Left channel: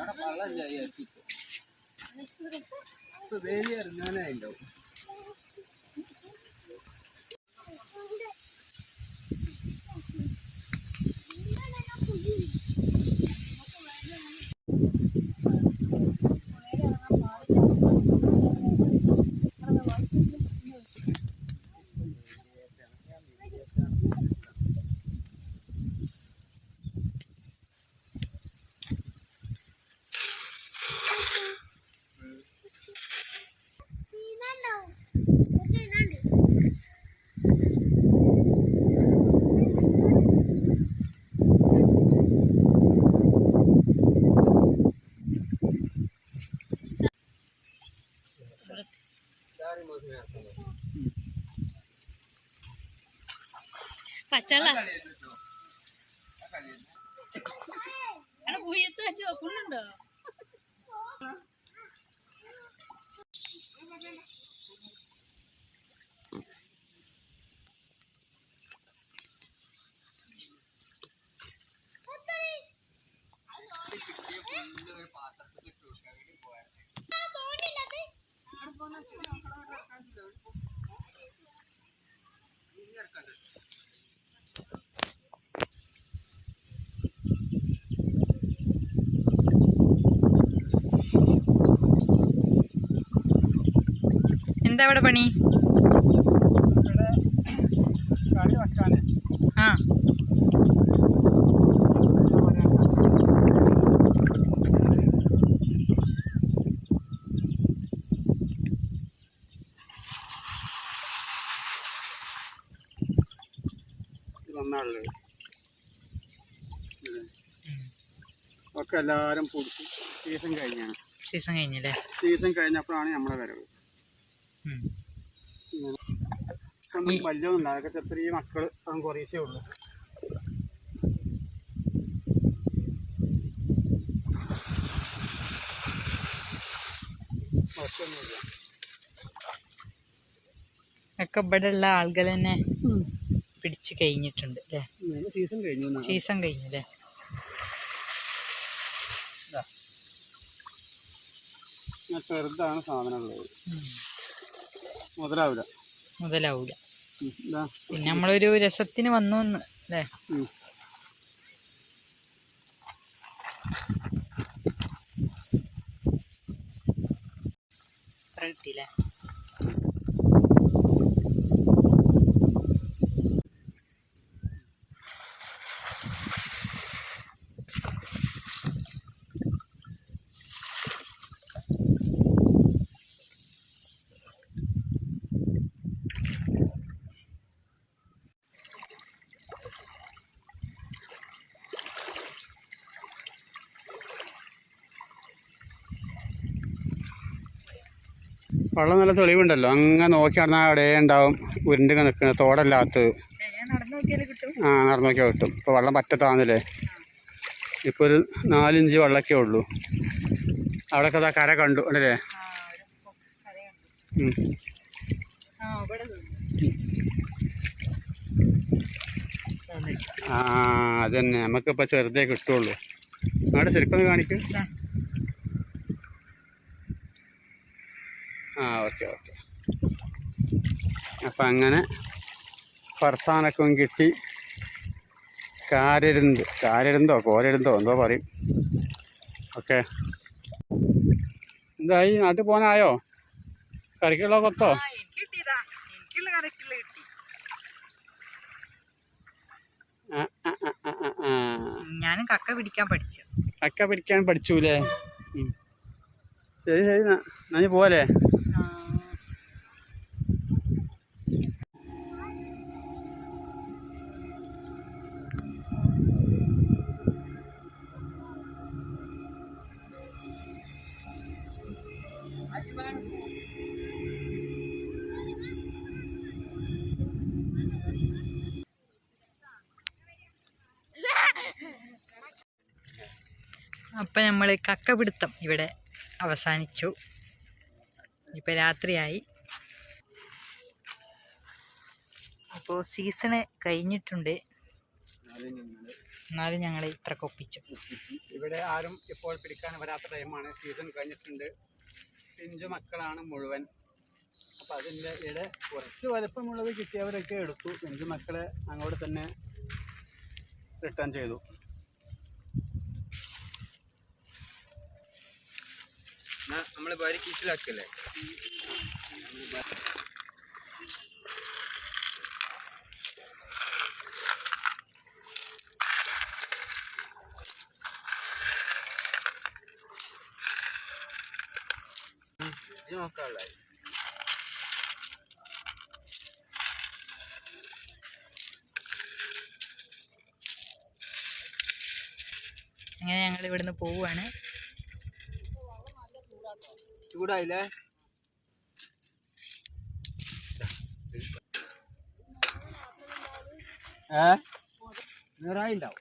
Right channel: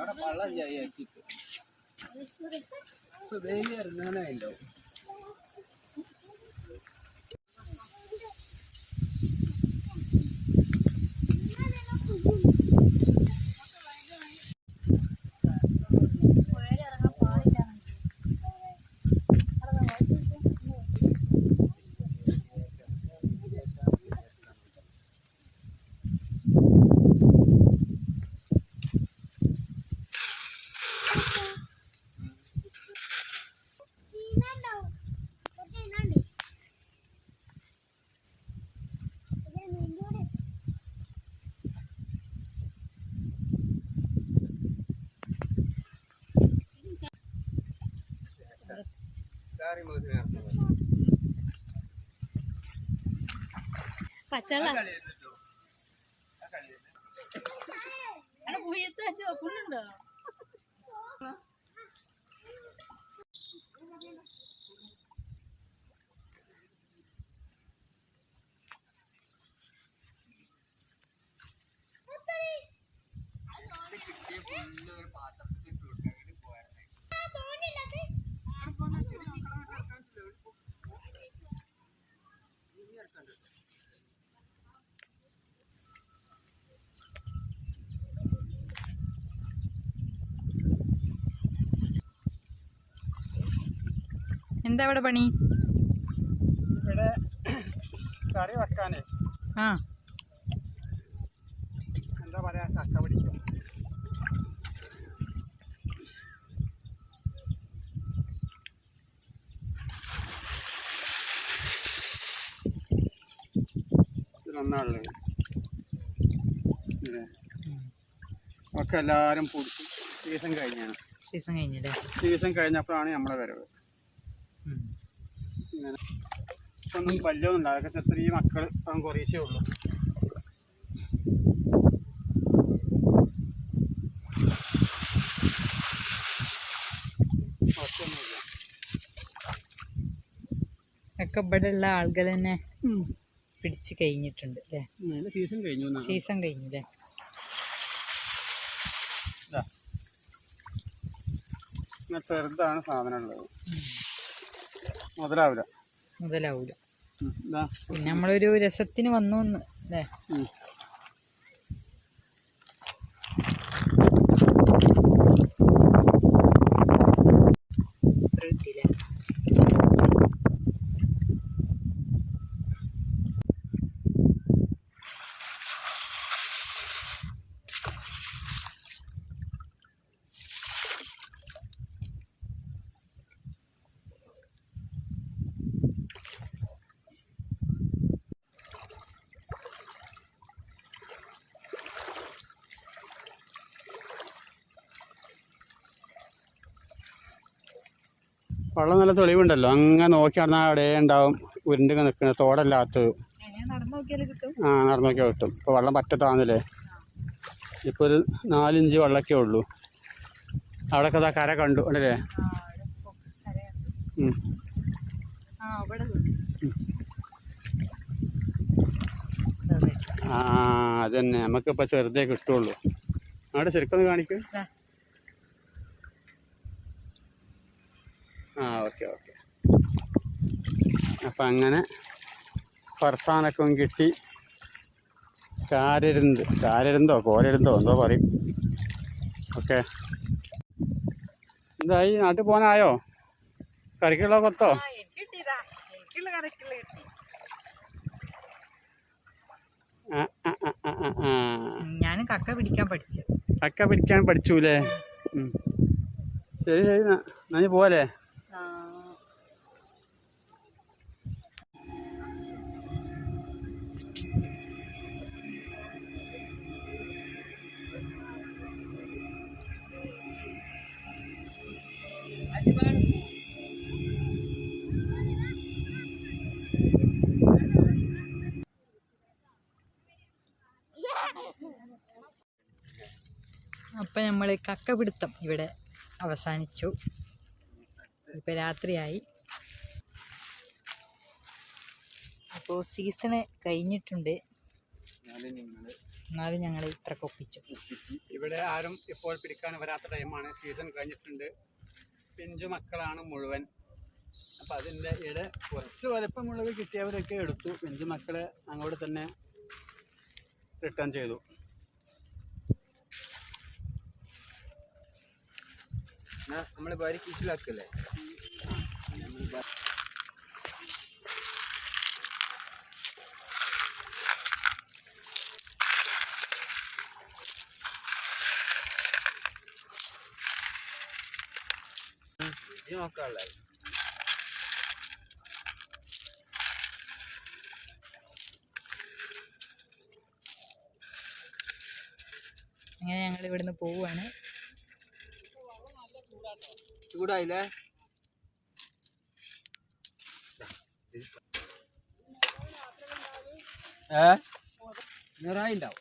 അവിടെ പള്ളം ചെയ്യാൻ ഇപ്പൊ വേലി പച്ചള്ള പൂയത്ത് വെച്ച്. വെക്കുന്നുണ്ടോ എന്താ ഇവിടെ പണി? കറി വെക്കാനേ. ആ. ഇല്ലേ? ഒക്കെ എല്ലാവരും പൊടിച്ചു സീസൺ കഴിഞ്ഞാണ്. സീസൺ കഴിഞ്ഞല്ലേ? സീസൺ കഴിഞ്ഞപ്പോഴാണ് നമ്മളെ വരവ്. ഇങ്ങനെ ഒന്നും വല്ലതും ഉണ്ടാകും ചെറിയ ചെറിയ മക്കൾ അതും കുറേശ്ശേ ഉള്ളൂ. ഒക്കെ ഇവിടെ ഉള്ള ആളുകൾ തന്നെ പിടിച്ച് കഴിഞ്ഞിട്ടുണ്ട് അല്ലേ? സീസൺ കഴിഞ്ഞു. സീസൺ കഴിഞ്ഞു അല്ലേ? ചെറുതാണ് സാധനം ഉള്ളത്. മുതലാവൂല. ഇതാ. പിന്നെ നമ്മളൊരു രസത്തിന് വന്നു അല്ലേ? വെള്ളം നല്ല തെളിവുണ്ടല്ലോ. അങ്ങനെ നോക്കി നടന്നാൽ അവിടെ ഉണ്ടാവും. ഉരുണ്ടിങ്ങനെ നിൽക്കുന്നത് തോടല്ലാത്ത. ആ നടന്നു നോക്കിയാൽ കിട്ടും. ഇപ്പോൾ വെള്ളം പറ്റത്താന്നില്ലേ? ഇപ്പോൾ ഒരു നാലിഞ്ച് വെള്ളമൊക്കെ ഉള്ളൂ. അവിടെയൊക്കെ അതാ കര കണ്ടു അല്ലേ? ആ അവിടെ ഇപ്പൊ കരയുണ്ട്. ഉം. ആ ഇവിടെ ആ അത് തന്നെ. നമുക്കിപ്പോൾ ചെറുതേ കിട്ടുള്ളൂ. അവിടെ ശരിക്കൊന്ന് കാണിക്ക്. ആ ഓക്കെ ഓക്കെ. അപ്പം അങ്ങനെ ഫർസാനൊക്കെ കിട്ടി. കാരരുന്ത്. കാരരുന്തോ കോരരുന്തോ എന്തോ പറയും. ഓക്കെ. എന്തായി നാട്ടിൽ പോകാനായോ? കറിക്കുള്ള കൊത്തോ ഞാനും കക്ക പിടിക്കാൻ പഠിച്ചു. കക്ക പിടിക്കാൻ പഠിച്ചൂലേ? ശരി ശരി നന്ദി എന്നാ അപ്പം നമ്മൾ കക്ക പിടുത്തം ഇവിടെ അവസാനിച്ചു. ഇപ്പം രാത്രിയായി. അപ്പോൾ സീസണ് കഴിഞ്ഞിട്ടുണ്ട്. എന്നാലും ഞങ്ങൾ ഇത്ര കൊപ്പിച്ചു ഇവിടെ ആരും ഇപ്പോൾ പിടിക്കാൻ വരാത്ത ടൈമാണ് സീസൺ കഴിഞ്ഞിട്ടുണ്ട്. പിഞ്ചു മക്കളാണ് മുഴുവൻ. അപ്പം അതിന്റെ ഇവിടെ കുറച്ച് വലുപ്പമുള്ളത് കിട്ടിയവരൊക്കെ എടുത്തു. പിഞ്ചു മക്കളെ അങ്ങോട്ട് തന്നെ റിട്ടേൺ ചെയ്തു. നമ്മൾ ഭാര്യ കീസിലാക്കല്ലേ നോക്കാനുള്ള അങ്ങനെ ഞങ്ങൾ ഇവിടുന്ന് പോവുകയാണ് ചൂടായില്ലേ? ഏ? നിറായിണ്ടാവും